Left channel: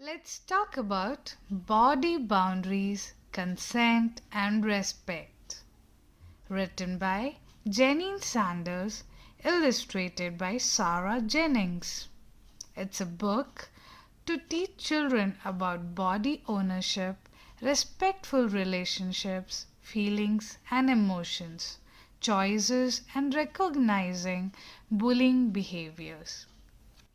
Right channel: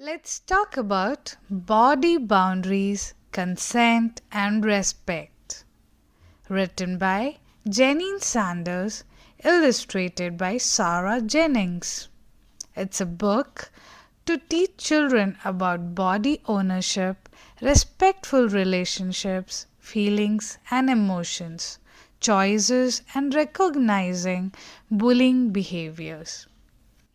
Let's talk about body boundaries, consent, and respect. Written by Jayneen Sanders, illustrated by Sara Jennings. It's a book to teach children about body ownership, respectful relationships, feelings and emotions, choices, and recognizing bullying behaviors.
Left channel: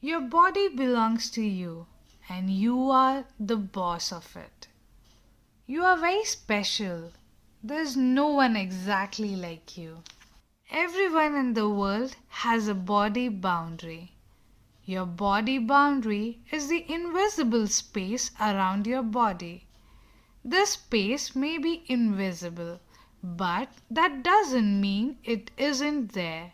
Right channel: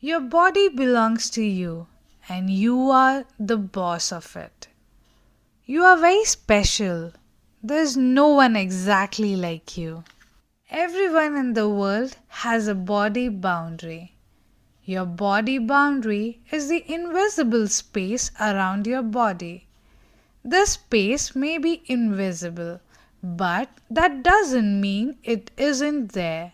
Your body belongs to you, and you are the boss of it. You are very special. There's no one exactly like you. Everyone in the world has a body boundary. Your body boundary is the invisible space around your body. This space may be invisible, but that doesn't mean it isn't there.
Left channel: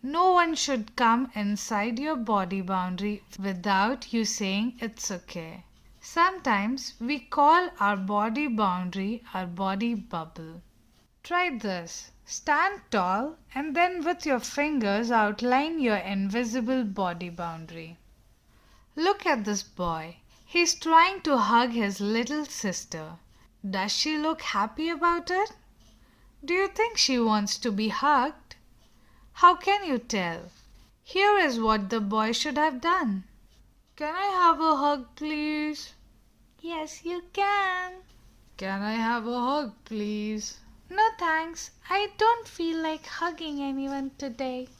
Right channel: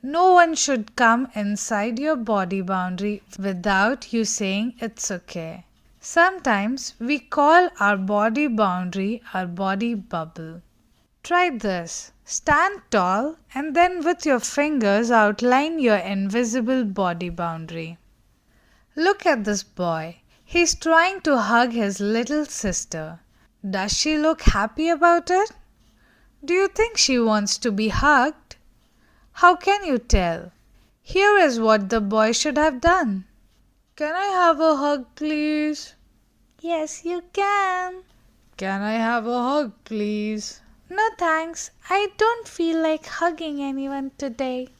No one should come inside your body boundary without you saying it's okay. Sometimes we call our body boundary our body bubble. Try this. Stand tall and then with your fingers outline your invisible body boundary. Look at this boy. He's trying to hug his little sister. Does she look happy about it? Do you think she wants to be hugged? How can you tell? Here is what the boy should have done. Can I have a hug, please? Yes, you can. Can I have a hug, please? No thanks. I don't feel like hugging anyone today.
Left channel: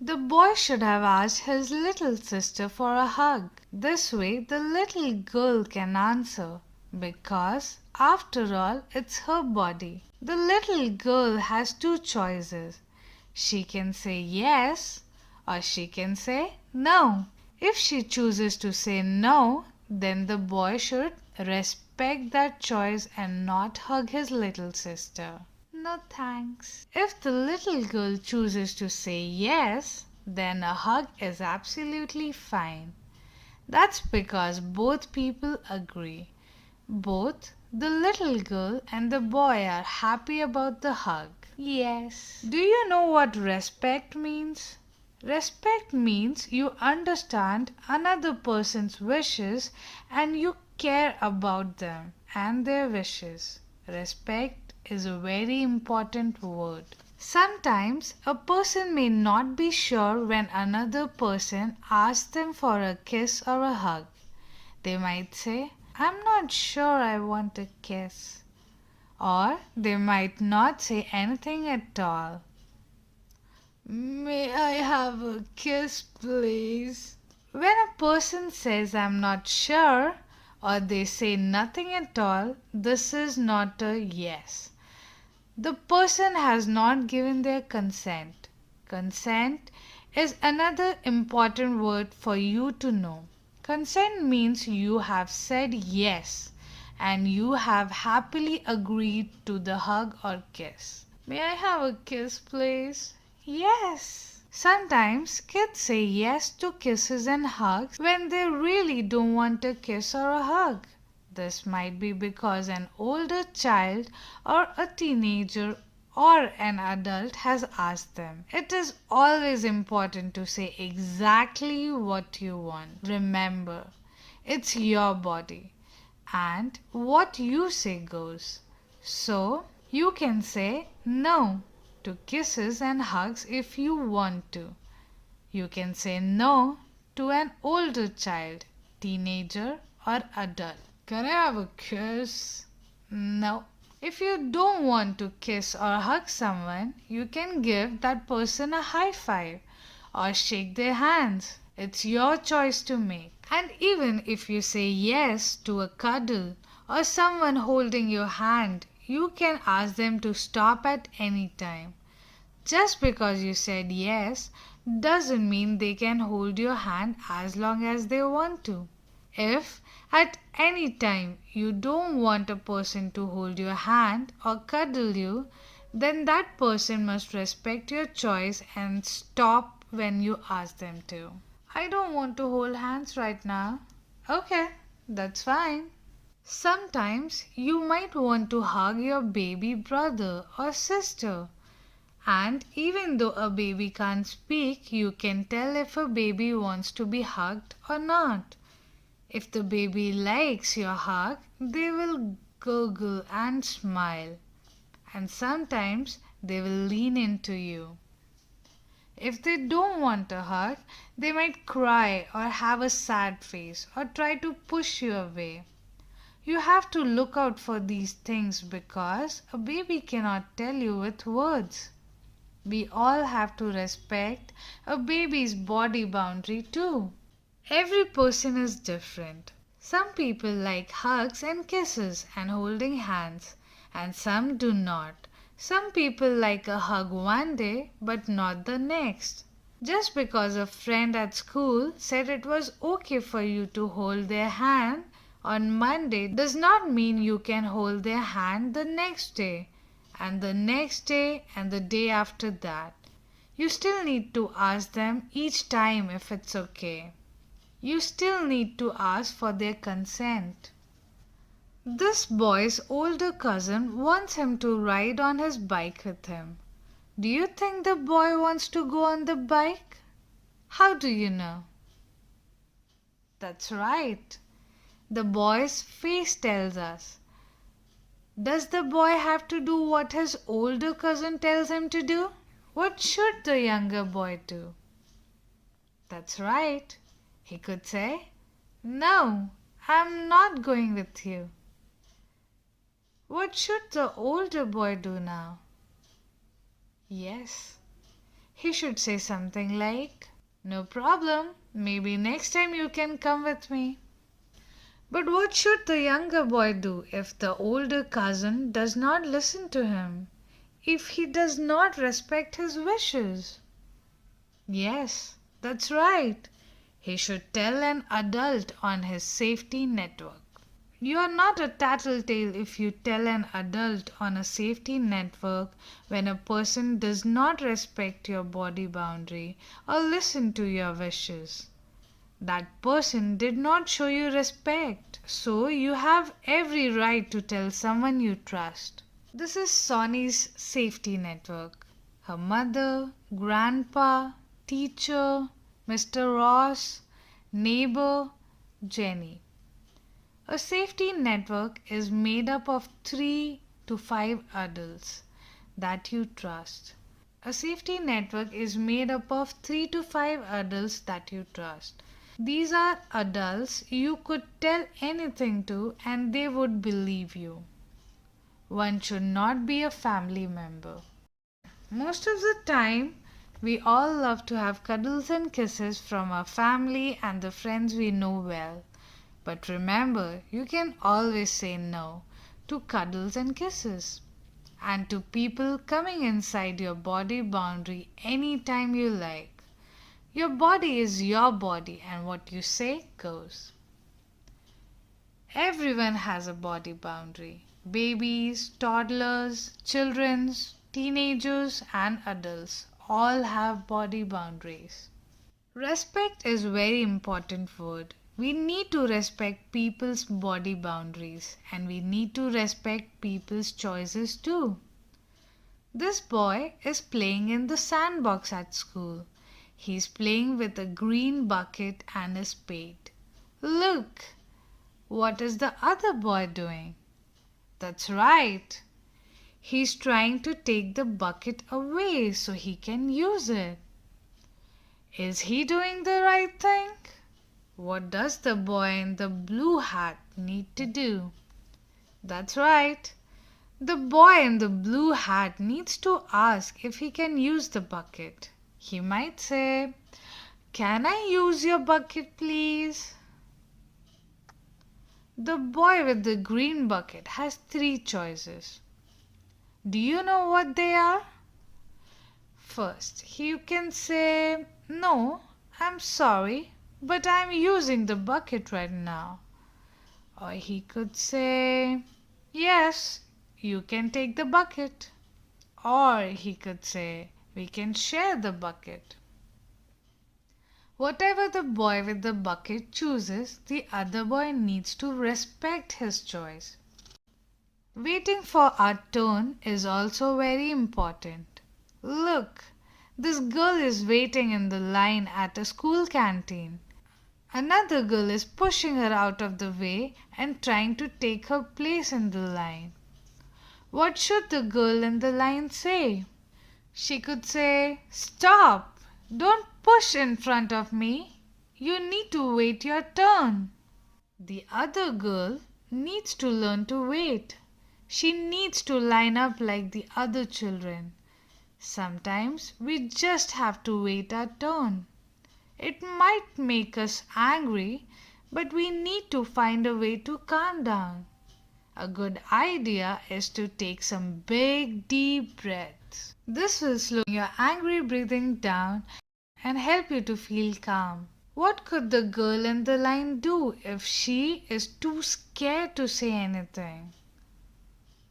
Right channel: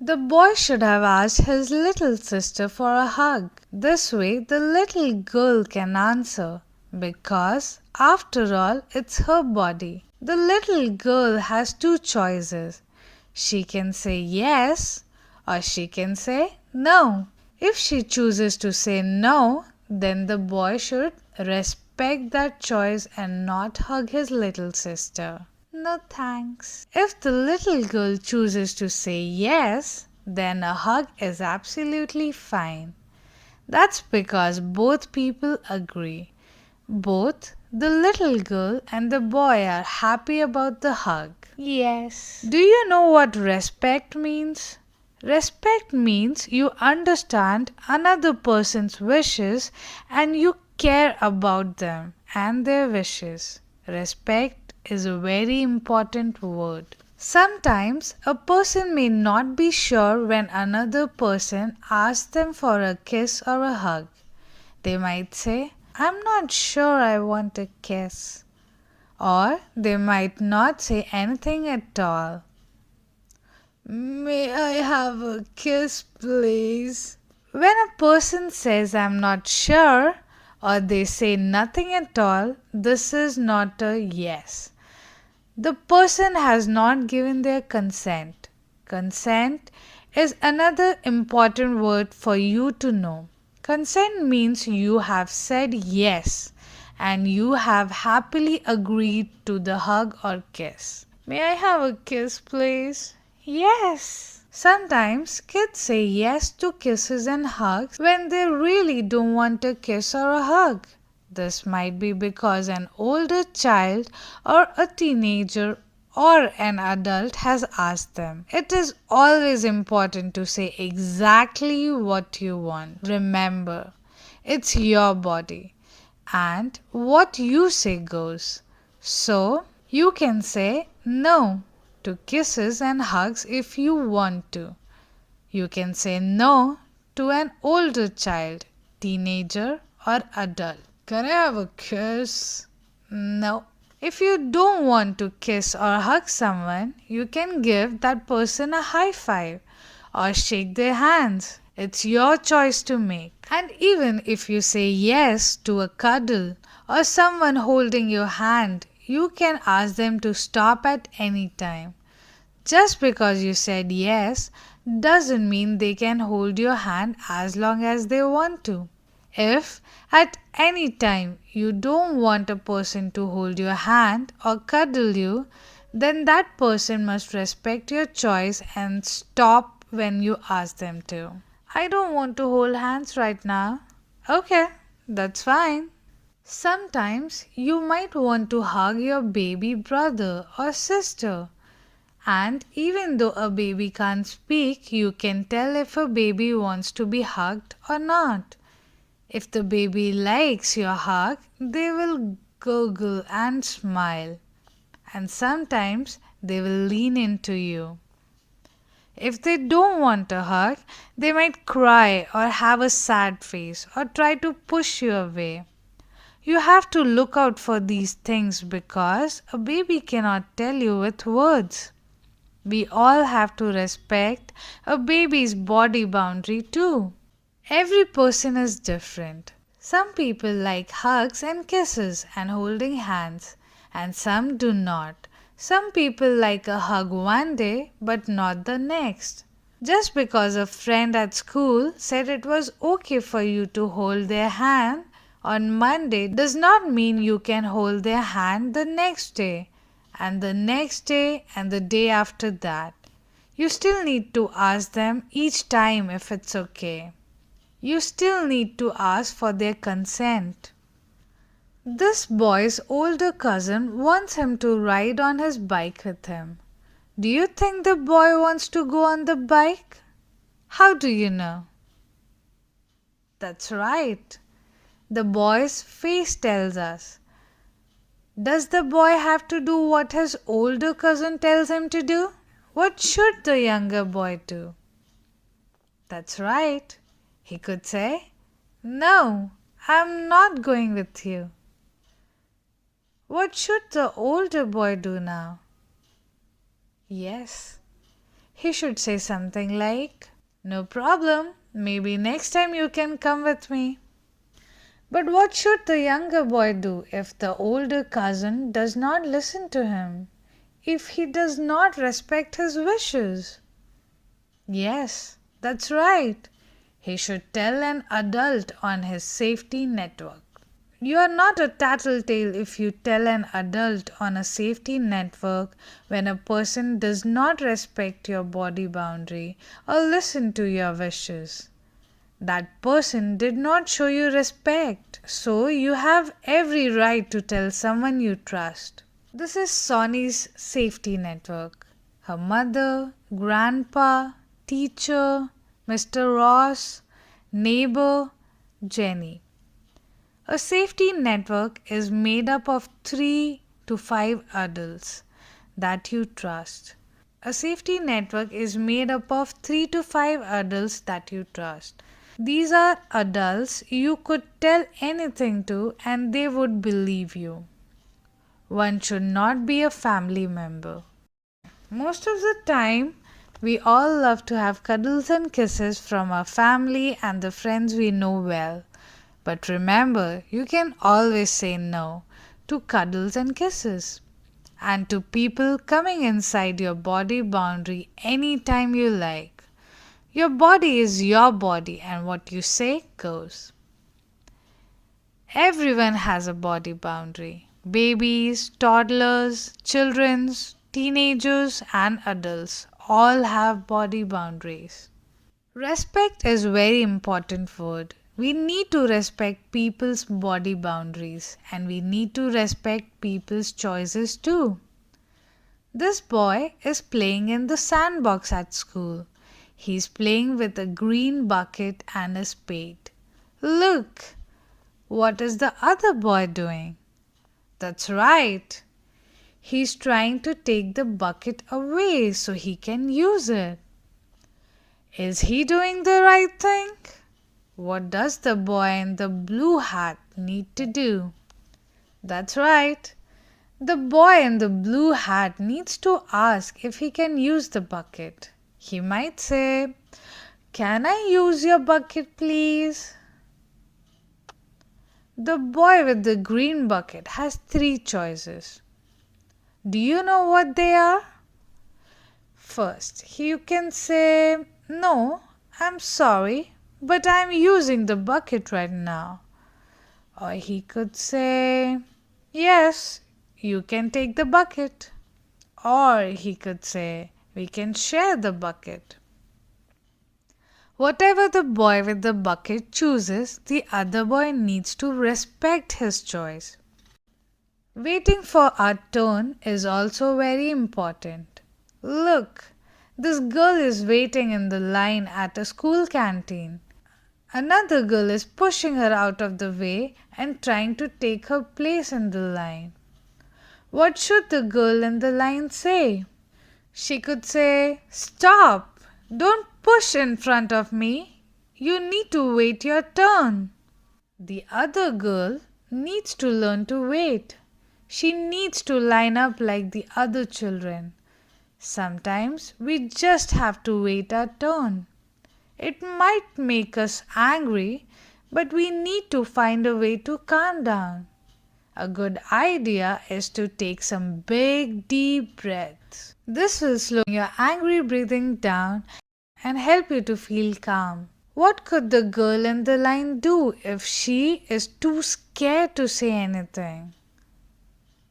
The boy should have asked his little sister for a hug. This way, the little girl can answer. Because, after all, it's her body. The little girl has two choices. She can say yes or she can say no. If she chooses to say no, then the boy should respect that choice and not hug his little sister. No thanks. If the little girl chooses to say yes, then a hug is absolutely fine. That's because both people agree. Both the little girl and the boy are happy about the hug. Yes. Do you know what respect means? Respect means you understand another person's wishes and you care about them and their wishes. Respect is a very important word. Sometimes a person may not be sure when another person asks them for a kiss or a hug. They might say, I'm not sure I want a kiss. Or they might not say anything at all. May I have a kiss, please? When a person says I'm not sure or they say nothing at all, this is not a yes. The person has not given their consent. Consent is another important word for you to know. Consent means you have said yes and you have happily agreed to the hug or kiss. May I have a kiss, please? Yes. Sometimes kids say yes to kisses and hugs when they really don't want a kiss or a hug. This might be because an older child or a teenager or an adult has asked them. It is always important to say exactly what you want. Remember, it's your body and what you say goes. So, you can say no to kisses and hugs if you want to. You can say no to an older child, teenager, or adult. Can I have a kiss? No. If you don't want to kiss or hug someone, you can give that person a high five or shake their hands. It's your choice to make. And even if you say yes to a cuddle or someone holding your hand, you can ask them to stop at any time. Just because you said yes doesn't mean they can hold your hand as long as they want to. If at any time you don't want a person to hold your hand or cuddle you, then that person must respect your choice and stop when you ask them to. I don't want to hold hands right now. Okay, that's fine. Sometimes you might want to hug your baby brother or sister. And even though a baby can't speak, you can tell if a baby wants to be hugged or not. If the baby likes your hug, they will gurgle and smile, and sometimes they will lean into you. If they don't want a hug, they might cry or have a sad face or try to push you away. You have to look out for these things because a baby cannot tell you with words. We all have to respect a baby's body boundary too. Every person is different. Some people like hugs and kisses and holding hands, and some do not. Some people like a hug one day but not the next. Just because a friend at school said it was okay for you to hold their hand on Monday does not mean you can hold their hand the next day, and the next day, and the day after that. You still need to ask them each time if it's okay. You still need to ask for their consent. This boy's older cousin wants him to ride on his bike with him. Do you think the boy wants to go on the bike? How do you know? That's right. The boy's face tells us. Does the boy have to do what his older cousin tells him to do? What should the younger boy do? That's right. He could say, "No, I'm not going with you." What should the older boy do now? Yes, he should say something like, "No problem, maybe next time you can come with me." But what should the younger boy do if the older cousin does not listen to him? If he does not respect his wishes? Yes, that's right. He should tell an adult on his safety network. You are not a tattletale if you tell an adult on a safety network when a person does not respect your body boundary or listen to your wishes. That person did not show you respect, so you have every right to tell someone you trust. This is Sonny's safety network. Her mother, grandpa, teacher, Mr. Ross, neighbor, Jenny. A safety network is made up of 3 to 5 adults that you trust. A safety network is made up of 3 to 5 adults that you trust. These are adults you could tell anything to and they would believe you. One should not be a family member. Most of the time, we all love to have cuddles and kisses from our family and the friends we know well. But remember, you can always say no to cuddles and kisses and to people coming inside your body boundary anytime you like. Your body is your body and what you say goes. Everyone has a body boundary. Babies, toddlers, children, teenagers and adults all have body boundaries. Respect is very important word. We need to respect people's body boundaries and we need to respect people's choices too. This boy is playing in the sandbox at school. He's playing with a green bucket and a spade. Look, what is the other boy doing? That's right. He's trying to take the bucket away so he can use it. Is he doing the right thing? What does the boy in the blue hat need to do? That's right. The boy in the blue hat needs to ask if he can use the bucket. He might say, "Can I use your bucket, please?" The boy with the green bucket has 3 choices. Do you know what they are? First, you can say, "No, I'm sorry, but I'm using the bucket right now." Or he could say, "Yes, you can take the bucket." Or he could say, "We can share the bucket." Whatever the boy with the bucket chooses, the other boy needs to respect his choice. Waiting for our turn is also very important. Look, this girl is waiting in the line at a school canteen. Another girl is pushing her out of the way and trying to take her place in the line. What should the girl in the line say? She could say, "Stop! Don't push in front of me. You need to wait your turn." The other girl needs to learn to wait. She needs to line up like the other children. Sometimes we just have to wait our turn. It might make us angry, but we need to find a way to calm down. A good idea is to take some big deep breaths. This will slow your angry breathing down and help you to feel calm. What could the girl in the line do if she is too scared to say anything?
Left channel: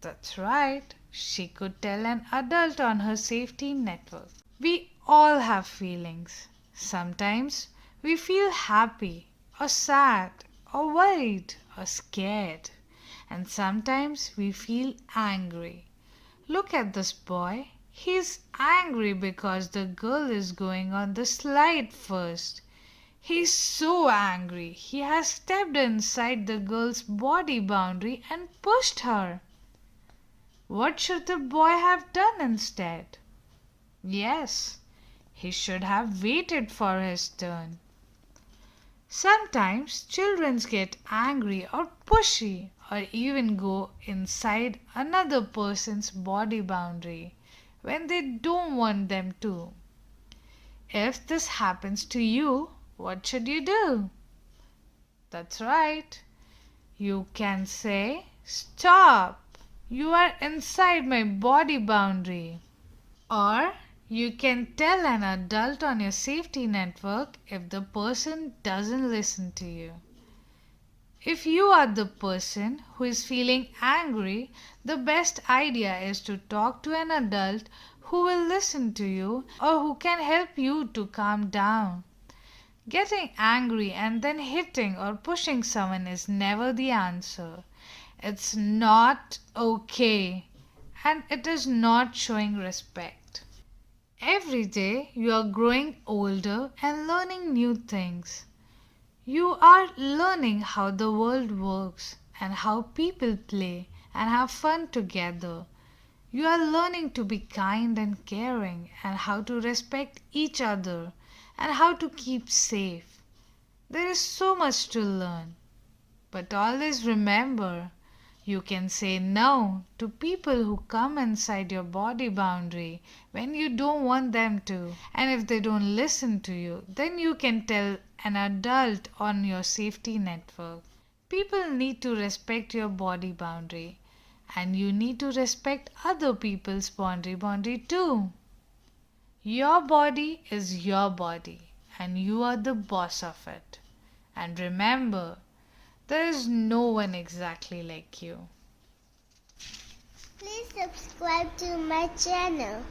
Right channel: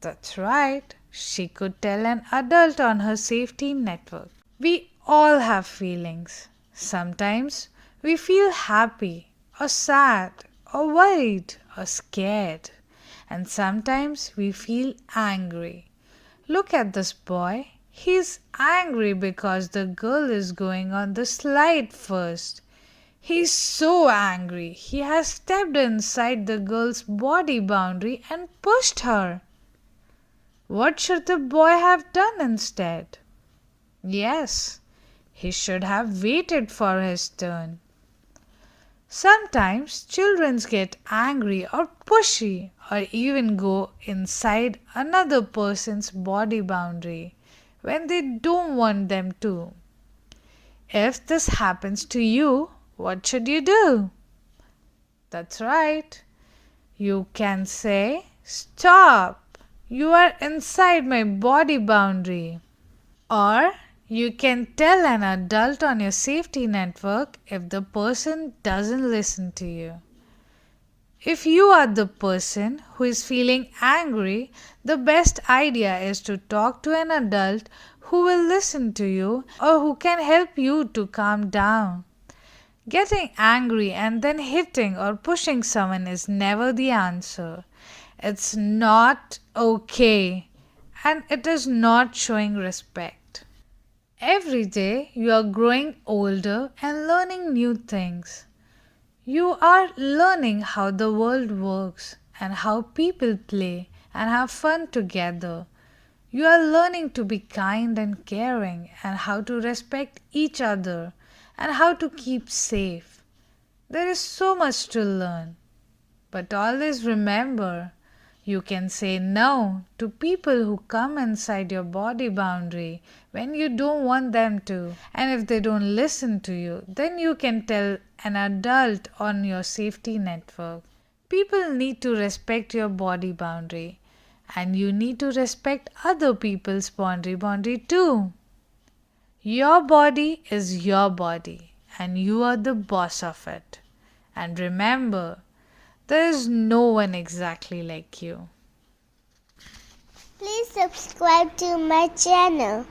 That's right, she could tell an adult on her safety network. We all have feelings. Sometimes we feel happy or sad or worried or scared. And sometimes we feel angry. Look at this boy. He's angry because the girl is going on the slide first. He's so angry. He has stepped inside the girl's body boundary and pushed her. What should the boy have done instead? Yes, he should have waited for his turn. Sometimes children get angry or pushy or even go inside another person's body boundary when they don't want them to. If this happens to you, what should you do? That's right. You can say, "Stop! You are inside my body boundary." Or you can tell an adult on your safety network if the person doesn't listen to you. If you are the person who is feeling angry, the best idea is to talk to an adult who will listen to you or who can help you to calm down. Getting angry and then hitting or pushing someone is never the answer. It's not okay, and it is not showing respect. Every day you are growing older and learning new things. You are learning how the world works and how people play and have fun together. You are learning to be kind and caring and how to respect each other and how to keep safe. There is so much to learn. But always remember, you can say no to people who come inside your body boundary when you don't want them to. And if they don't listen to you, then you can tell an adult on your safety network. People need to respect your body boundary, and you need to respect other people's boundary too. Your body is your body, and you are the boss of it. And remember, there is no one exactly like you. Please subscribe to my channel.